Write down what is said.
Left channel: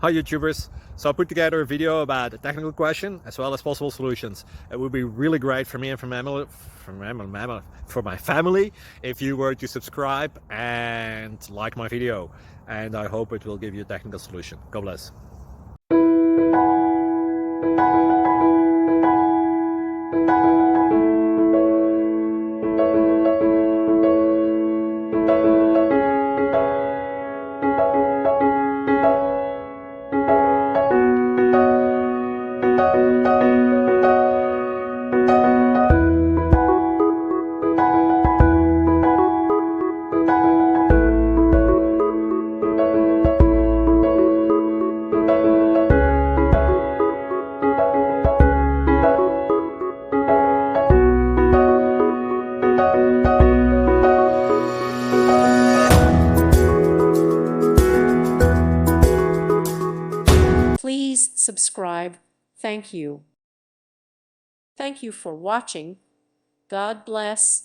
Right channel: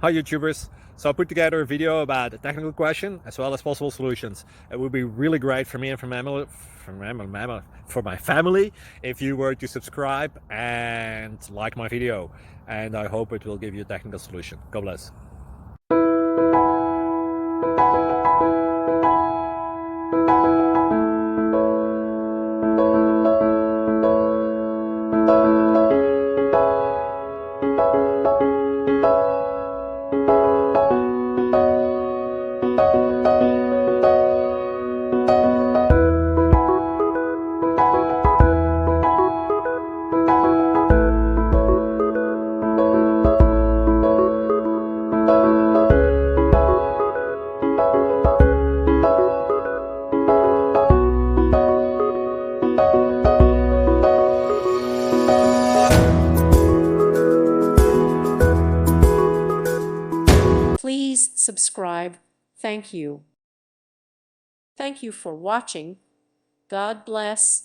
Hi YouTubers. So I put together a video about a technical question as well as possible solutions. It would be really great for me and for my family if you were to subscribe and like my video. And I hope it will give you a technical solution. God bless. Please subscribe. Thank you. Thank you for watching. God bless.